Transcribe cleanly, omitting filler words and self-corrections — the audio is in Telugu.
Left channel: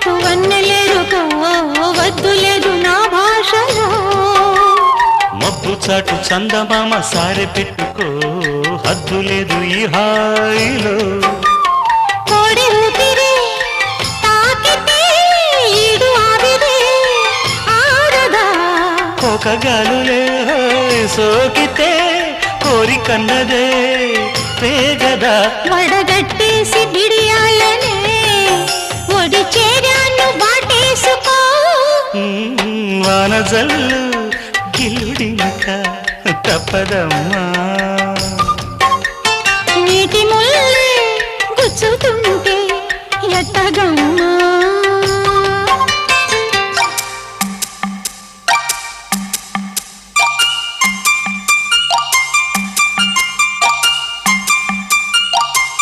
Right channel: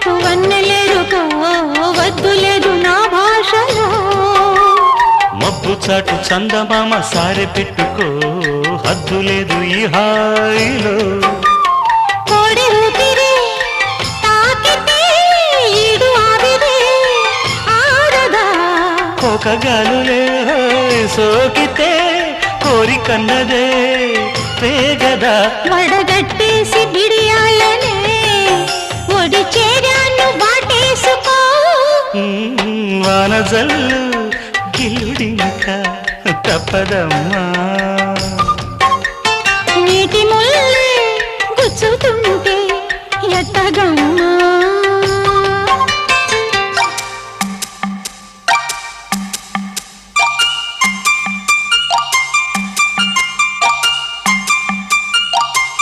చాటు వన్నెలేరుకో వద్దు లేదు నా భాషలో మబ్బు చాటు చందమామ సారె పెట్టుకో హద్దు లేదు ఈ హాయిలో కోడి ఊపిరి తాకితే ఈడు ఆవిరే ఆడదా కోకగాలులే సోకితే కోరికన్నదే పేగదా వడగట్టేసి బిడియాలనే ఒడి చేరాను బాటేసుకో వానజల్లు గిల్లుడినక తప్పదమ్మా